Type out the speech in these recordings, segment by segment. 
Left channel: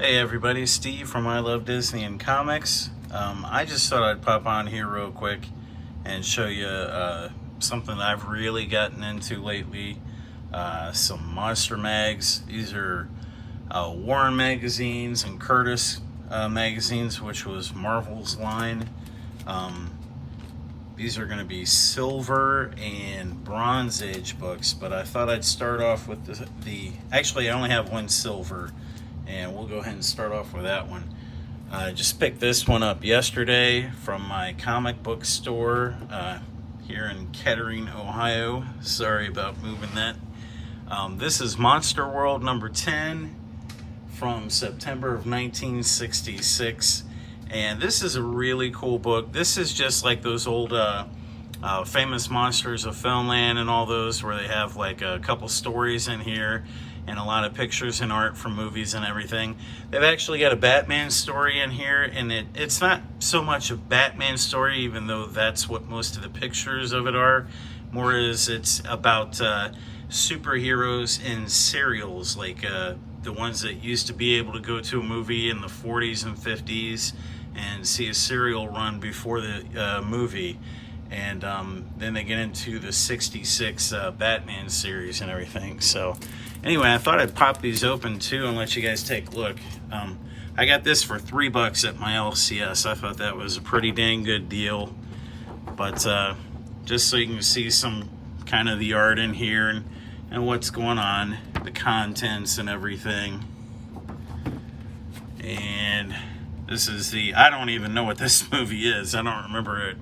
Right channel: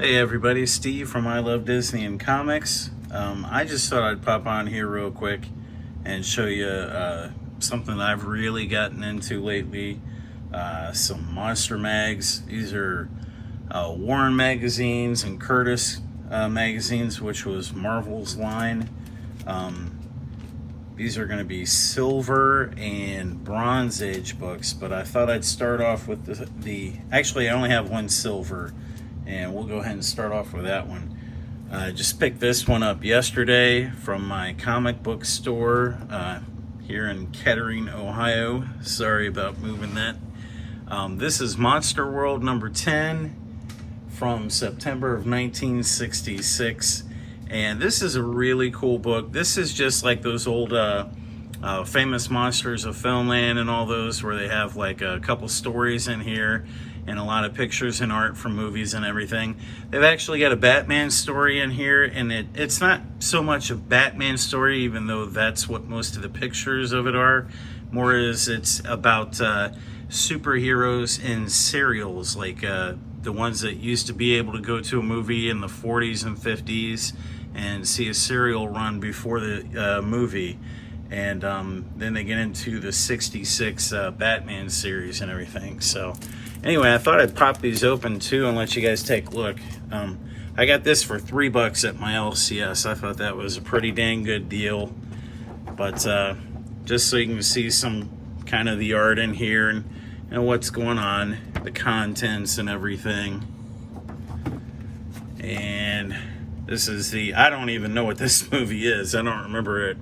Hey everybody, Steve from I Love Disney and Comics. I just thought I'd pop on here real quick and show you something I've really gotten into lately. Some monster mags. These are Warren magazines and Curtis magazines, which was Marvel's line. These are going to be Silver and Bronze Age books, but I thought I'd start off with actually I only have one Silver, and we'll go ahead and start off with that one. I just picked this one up yesterday from my comic book store here in Kettering, Ohio. Sorry about moving that. This is Monster World number 10 from September of 1966. And this is a really cool book. This is just like those old famous monsters of Filmland and all those, where they have like a couple stories in here and a lot of pictures and art from movies and everything. They've actually got a Batman story in here, and it's not so much a Batman story, even though that's what most of the pictures of it are. More is it's about superheroes in serials, like the ones that used to be able to go to a movie in the 40s and 50s and see a serial run before the movie. And then they get into the 66 Batman series and everything. So anyway, I thought I'd pop these open too and let you guys take a look. I got this for $3 at my LCS. I thought that was a pretty dang good deal. But just so you can see some kind of the art in here and what's going on, the contents and everything. And this is I don't even know what this movie is. I don't remember it.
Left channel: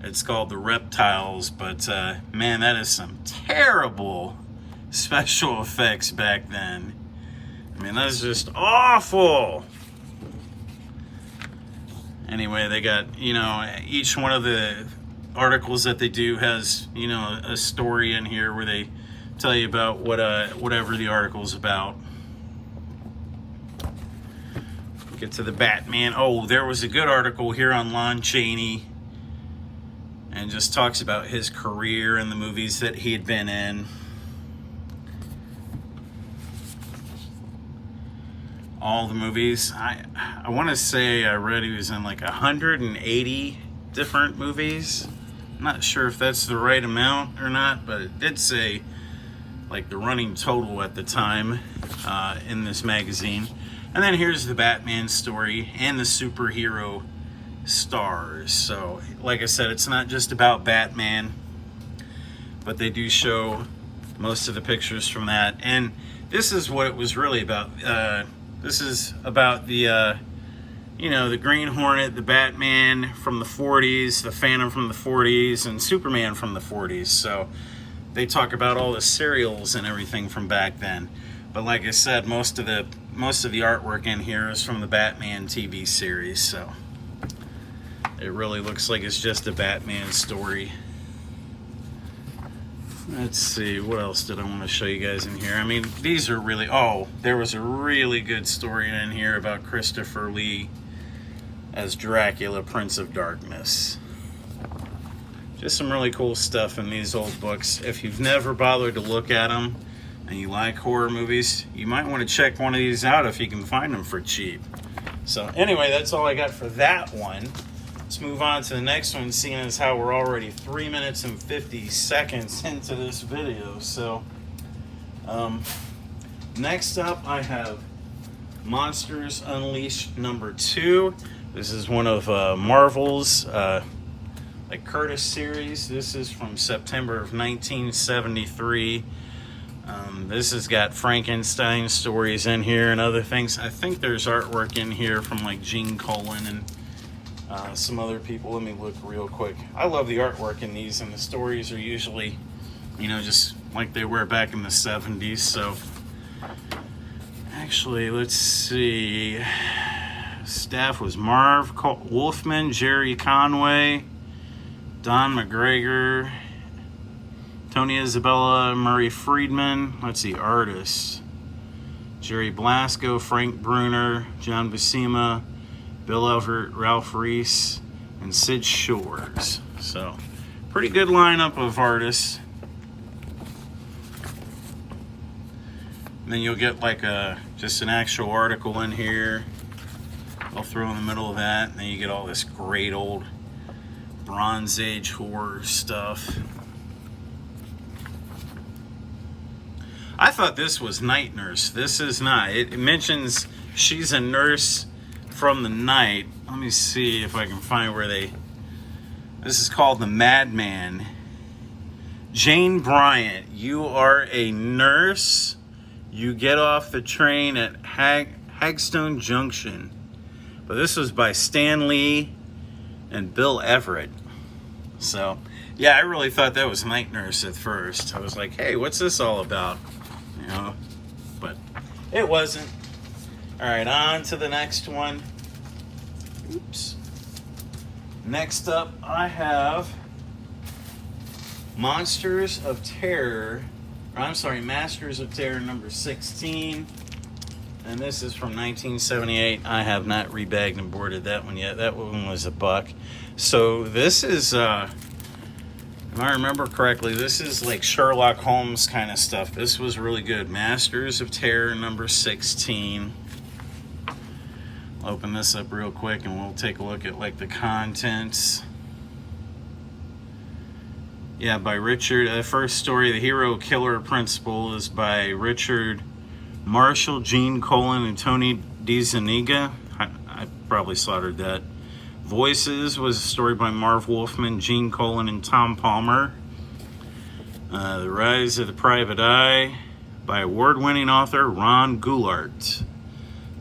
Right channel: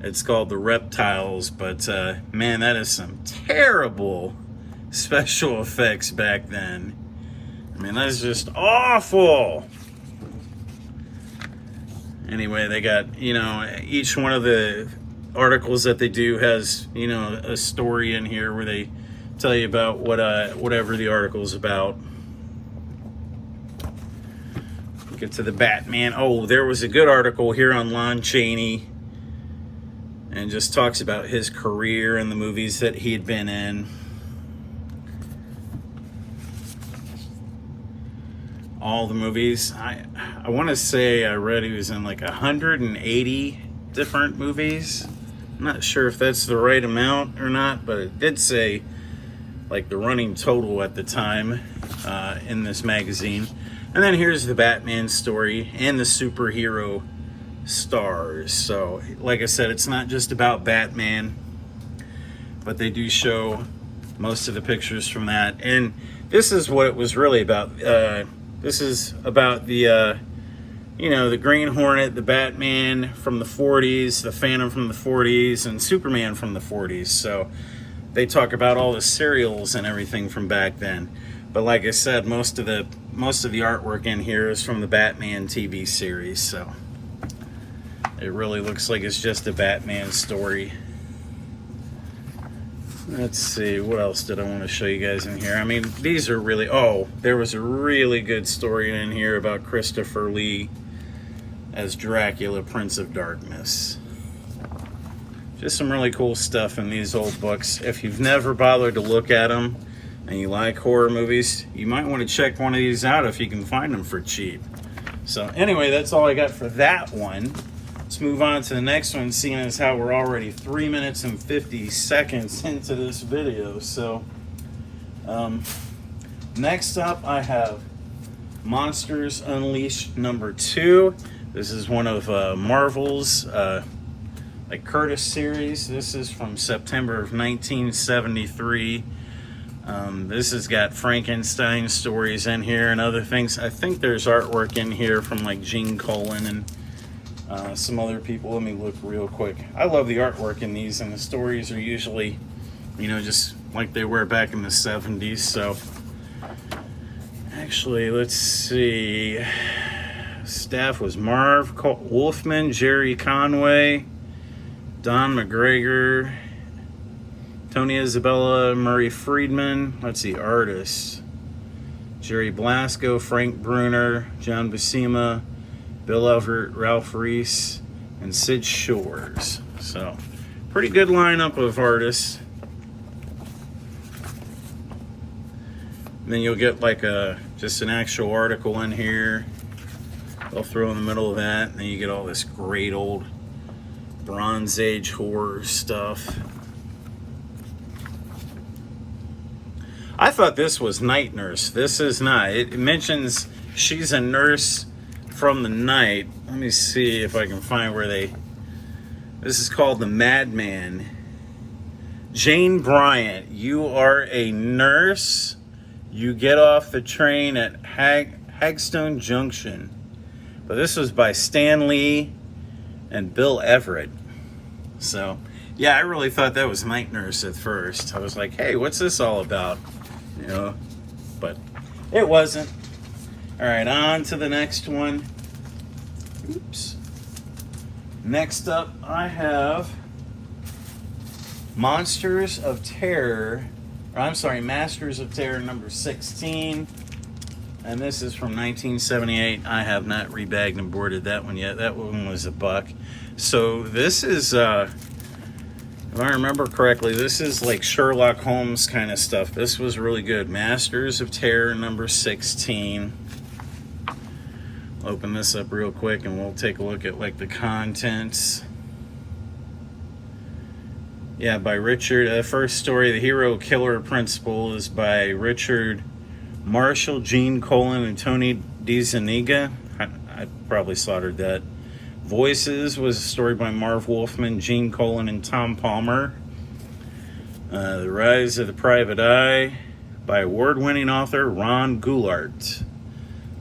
It's called The Reptiles, but man, that is some terrible special effects back then. I mean, that's just awful. Anyway, they got, each one of the articles that they do has, a story in here where they tell you about whatever the article's about. Get to the Batman. Oh, there was a good article here on Lon Chaney, and just talks about his career and the movies that he had been in. All the movies. I want to say I read he was in like 180 different movies. I'm not sure if that's the right amount or not, but it did say like the running total at the time in this magazine. And then here's the Batman story and the superhero stars. So like I said, it's not just about Batman, but they do show most of the pictures from that. And this is what it was really about. This is about the the Green Hornet, the Batman from the 40s, the Phantom from the 40s, and Superman from the 40s. So they talk about all the serials and everything from back then. But like I said, most of the artwork in here is from the Batman TV series. So it really looks like it's just a Batman story. Let's see, what else did I want to show you guys in here? I mean, these are really, there was a really good story in here about Christopher Lee as Dracula, Prince of Darkness. Just some really cool stuff in these old books. If you've never bothered to look at them and you like horror movies, you might want to check one of these out if you can find them for cheap. So anyway, that's all I got for that one. Let's move on to the next one, seeing as how we're already 3 minutes and 50 seconds into this video. So next up I have Monsters Unleashed number 2. This is one of Marvel's like Curtis series. This is from September of 1973. This has got Frankenstein stories in here and other things. I think there's artwork in here from like Gene Colan and some other people. Let me look real quick. I love the artwork in these, and the stories are usually, just like they were back in the 70s. So actually, let's see. Staff was Marv Wolfman, Jerry Conway, Don McGregor, Tony Isabella, Murray Friedman. Let's see, artists. Jerry Blasco, Frank Bruner, John Buscema, Bill Everett, Ralph Reese, and Sid Shores. So, pretty good lineup of artists. And then you'll get like just an actual article in here. They'll throw in the middle of that, and then you get all this great old Bronze Age horror stuff. I thought this was Night Nurse. This is not. It mentions she's a nurse from the night. Let me see if I can find where they... This is called The Madman. Jane Bryant, you are a nurse. You get off the train at Hagstone Junction. But this was by Stan Lee and Bill Everett. So, yeah, I really thought that was Night Nurse at first. I was like, hey, what's this all about? You know, but it wasn't. All right, on to the next one. Oops. Next up, I have Masters of Terror number 16. And this is from 1978. I have not rebagged and boarded that one yet. That one was $1. So this is, if I remember correctly, this is like Sherlock Holmes kind of stuff. This was really good. Masters of Terror number 16. I'll open this up real quick and we'll take a look at like the contents. Yeah, by Richard. First story, The Hero Killer Principle, is by Richard Marshall, Gene Colan, and Tony DeZuniga. I probably slaughtered that. Voices was a story by Marv Wolfman, Gene Colan, and Tom Palmer. The Rise of the Private Eye by award-winning author Ron Goulart.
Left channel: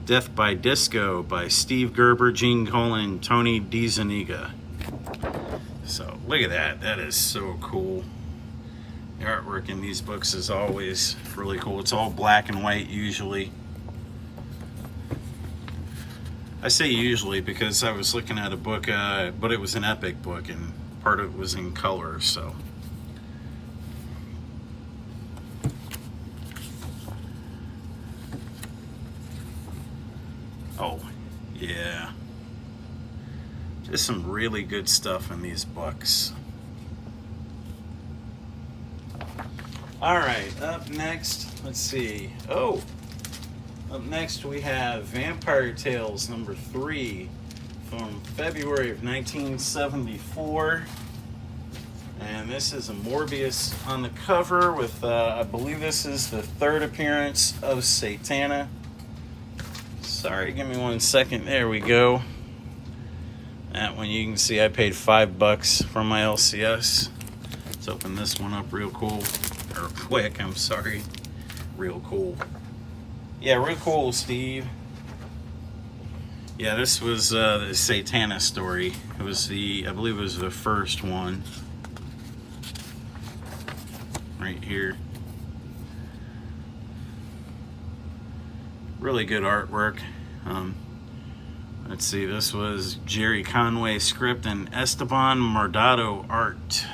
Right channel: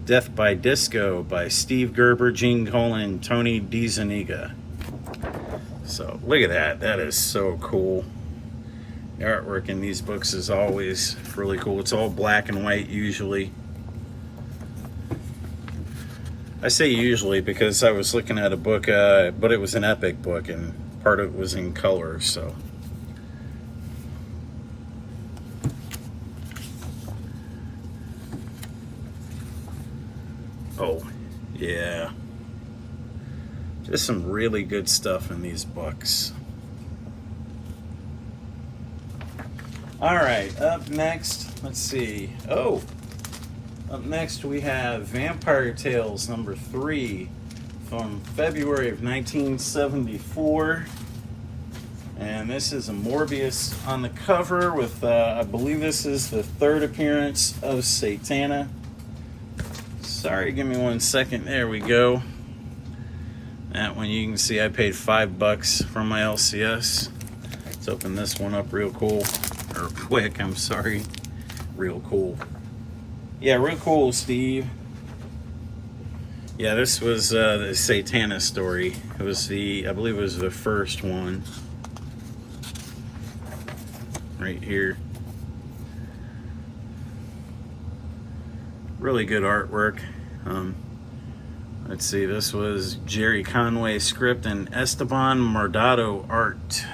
Death by Disco by Steve Gerber, Gene Colan, and Tony DeZuniga. So look at that. That is so cool. The artwork in these books is always really cool. It's all black and white usually. I say usually because I was looking at a book, but it was an epic book and part of it was in color, so. Oh, yeah. There's some really good stuff in these books. All right, up next, let's see. Oh, up next we have Vampire Tales number 3 from February of 1974. And this is a Morbius on the cover with, I believe this is the 3rd appearance of Satana. Sorry, give me 1 second. There we go. That one you can see I paid $5 for my LCS. Let's open this one up real cool. Or quick, I'm sorry. Real cool. Yeah, real cool, Steve. Yeah, this was the Satana story. It was I believe it was the first one. Right here. Really good artwork. Let's see, this was Jerry Conway script and Esteban Mardado art.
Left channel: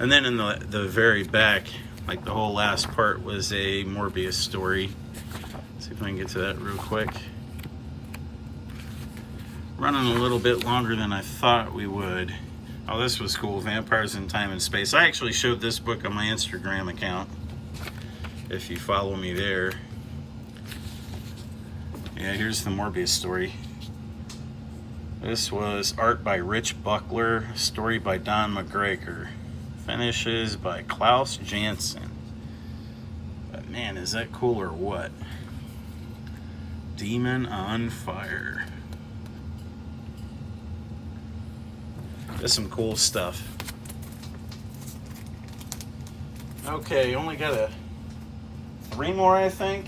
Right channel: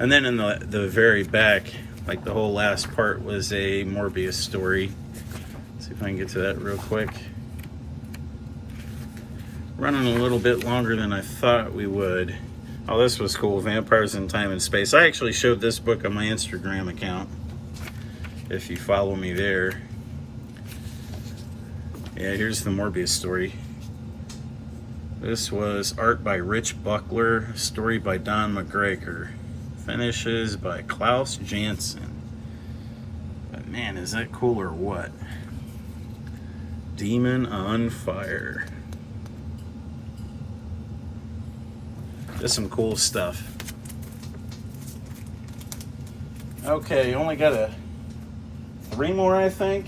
And then in the very back, like the whole last part was a Morbius story. Let's see if I can get to that real quick. Running a little bit longer than I thought we would. Oh, this was cool. Vampires in Time and Space. I actually showed this book on my Instagram account, if you follow me there. Yeah, here's the Morbius story. This was art by Rich Buckler, story by Don McGregor. Finishes by Klaus Janson. But man, is that cool or what? Demon on Fire. There's some cool stuff. Okay, only got 3 more, I think.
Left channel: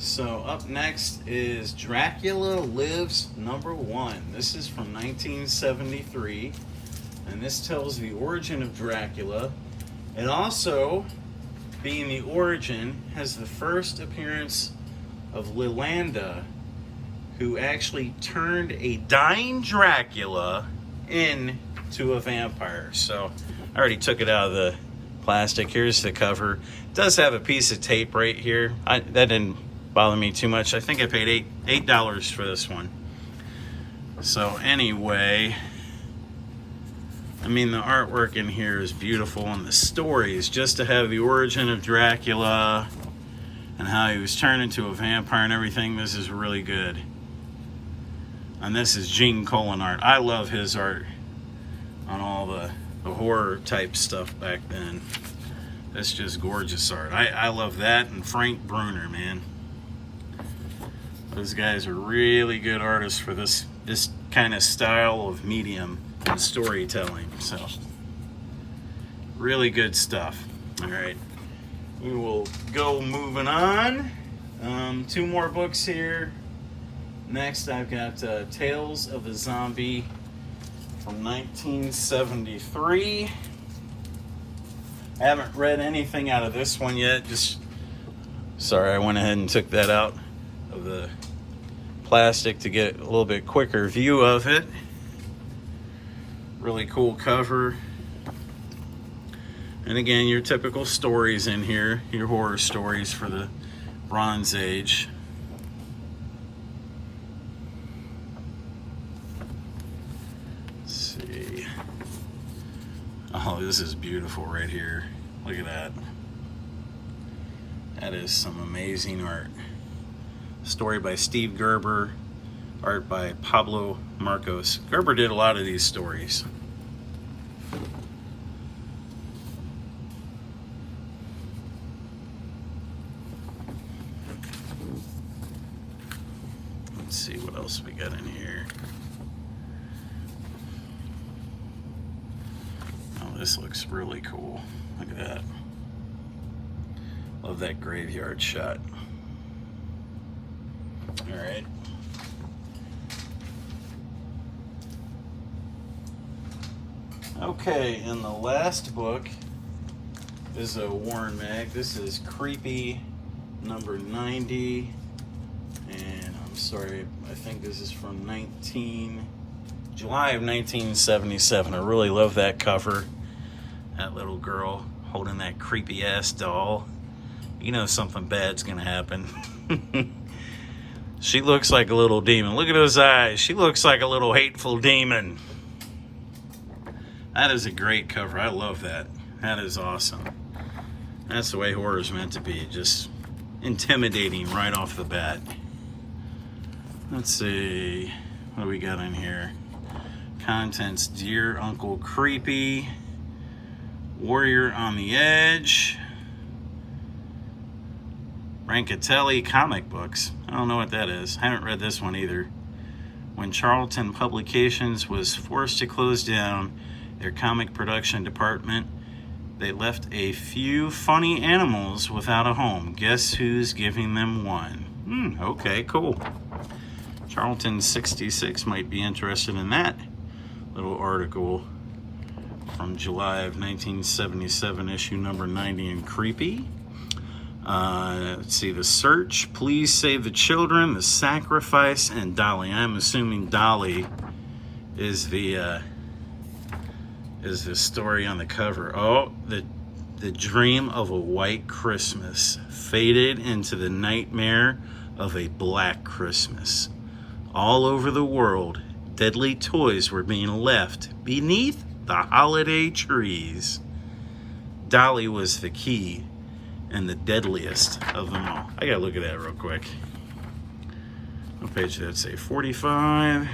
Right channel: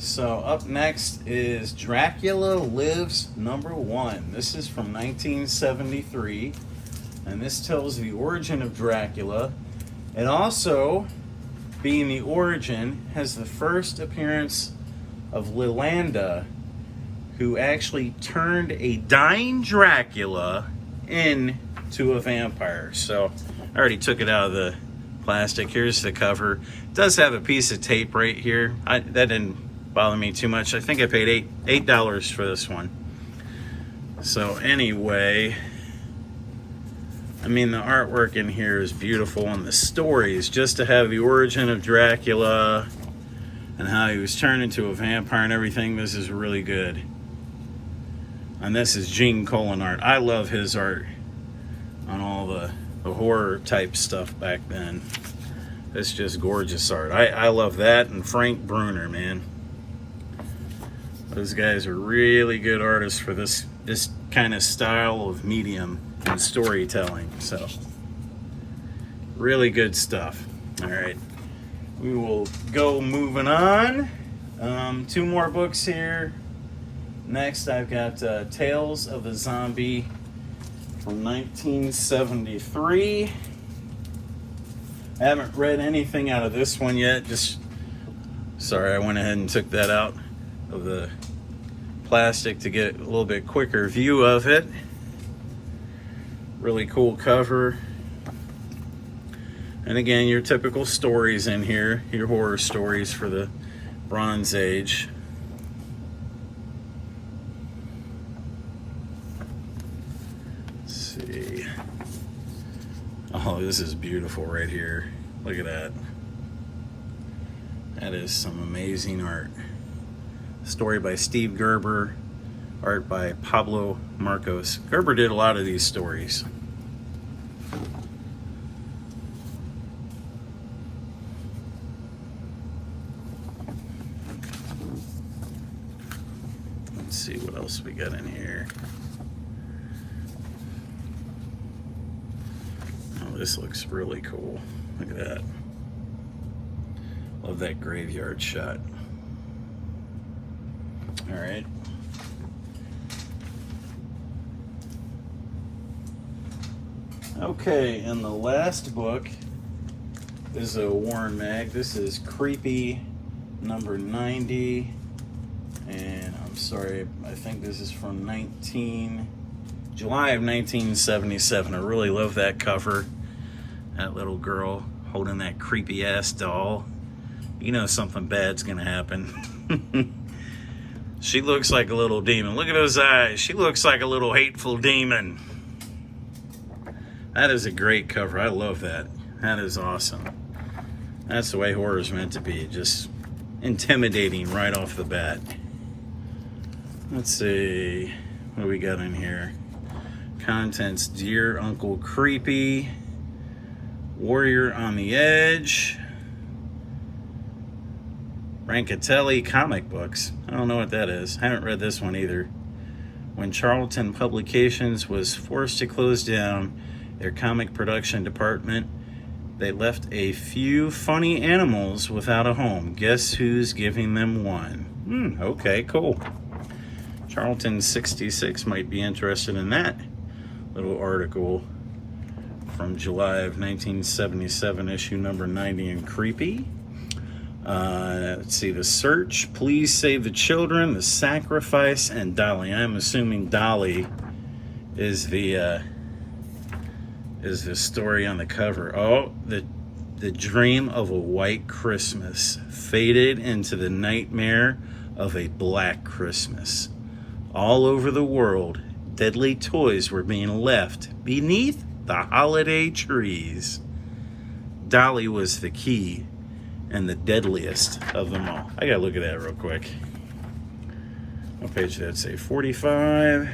So up next is Dracula Lives number 1. This is from 1973. And this tells the origin of Dracula. And also, being the origin, has the first appearance of Lilanda, who actually turned a dying Dracula into a vampire. So I already took it out of the plastic. Here's the cover. It does have a piece of tape right here. That didn't bother me too much. I think I paid $8 for this one. So anyway, I mean, the artwork in here is beautiful, and the stories, just to have the origin of Dracula and how he was turned into a vampire and everything, this is really good. And this is Gene Colan art. I love his art on all the horror type stuff back then. It's just gorgeous art. I love that, and Frank Bruner, man. Those guys are really good artists for this kind of style of medium and storytelling. So, really good stuff. All right, we will go moving on. 2 more books here. Next, I've got Tales of the Zombie from 1973. I haven't read anything out of this one yet. Sorry, I went ahead and took that out of the plastic to get a little bit quicker view of it. Really cool cover. And again, your typical stories in here, your horror stories for the Bronze Age. Let's see. Oh, this is beautiful right here. Look at that. That is some amazing art. Story by Steve Gerber, art by Pablo Marcos. Gerber did a lot of these stories. Let's see what else we got in here. Oh, this looks really cool. Look at that. Love that graveyard shot. All right. Okay, and the last book is a Warren Mag. This is Creepy number 90. And I'm sorry, I think this is from July of 1977. I really love that cover. That little girl holding that creepy ass doll. You know something bad's gonna happen. She looks like a little demon. Look at those eyes. She looks like a little hateful demon. That is a great cover. I love that. That is awesome. That's the way horror is meant to be. Just intimidating right off the bat. Let's see. What do we got in here? Contents: Dear Uncle Creepy, Warrior on the Edge, Brancatelli comic books. I don't know what that is. I haven't read this one either. When Charlton Publications was forced to close down their comic production department, they left a few funny animals without a home. Guess who's giving them one? Okay, cool. Charlton 66 might be interested in that little article from July of 1977, issue number 90 in Creepy. Let's see, The Search, Please Save the Children, The Sacrifice, and Dolly. I'm assuming Dolly is the story on the cover. Oh, the dream of a white Christmas faded into the nightmare of a black Christmas. All over the world, deadly toys were being left beneath the holiday trees. Dolly was the key and the deadliest of them all. I gotta look at that real quick. What page did that say? 45.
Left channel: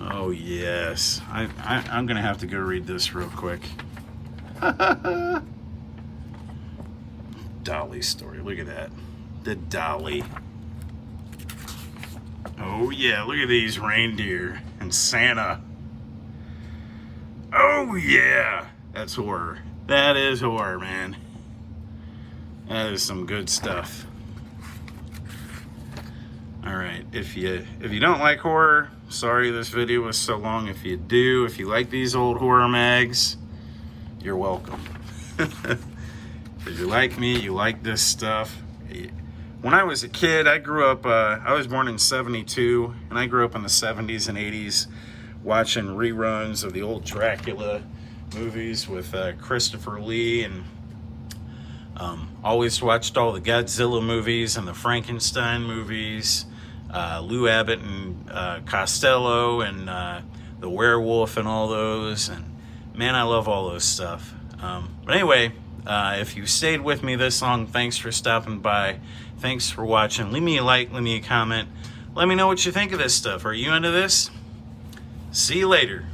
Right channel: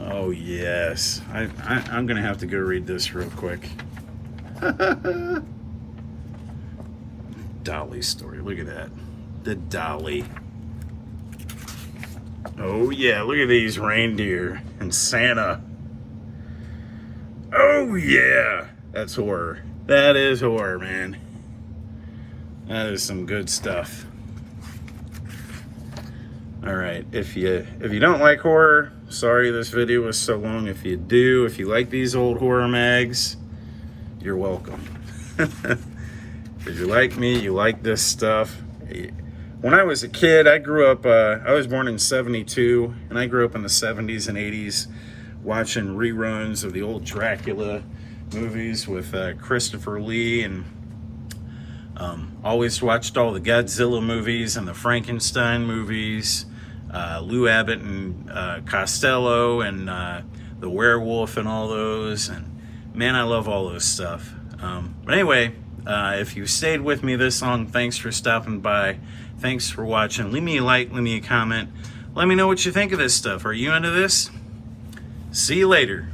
Oh yes, I'm gonna have to go read this real quick. Dolly story. Look at that. The Dolly. Oh yeah, look at these reindeer and Santa. Oh yeah, that's horror. That is horror, man. That is some good stuff. All right, if you don't like horror, sorry this video was so long. If you do, if you like these old horror mags, you're welcome. If you like me, you like this stuff. When I was a kid, I grew up, I was born in 72, and I grew up in the 70s and 80s watching reruns of the old Dracula movies with Christopher Lee, and always watched all the Godzilla movies and the Frankenstein movies. Lou Abbott and Costello and the Werewolf and all those. And man, I love all those stuff. But anyway, if you stayed with me this long, thanks for stopping by. Thanks for watching. Leave me a like, leave me a comment. Let me know what you think of this stuff. Are you into this? See you later.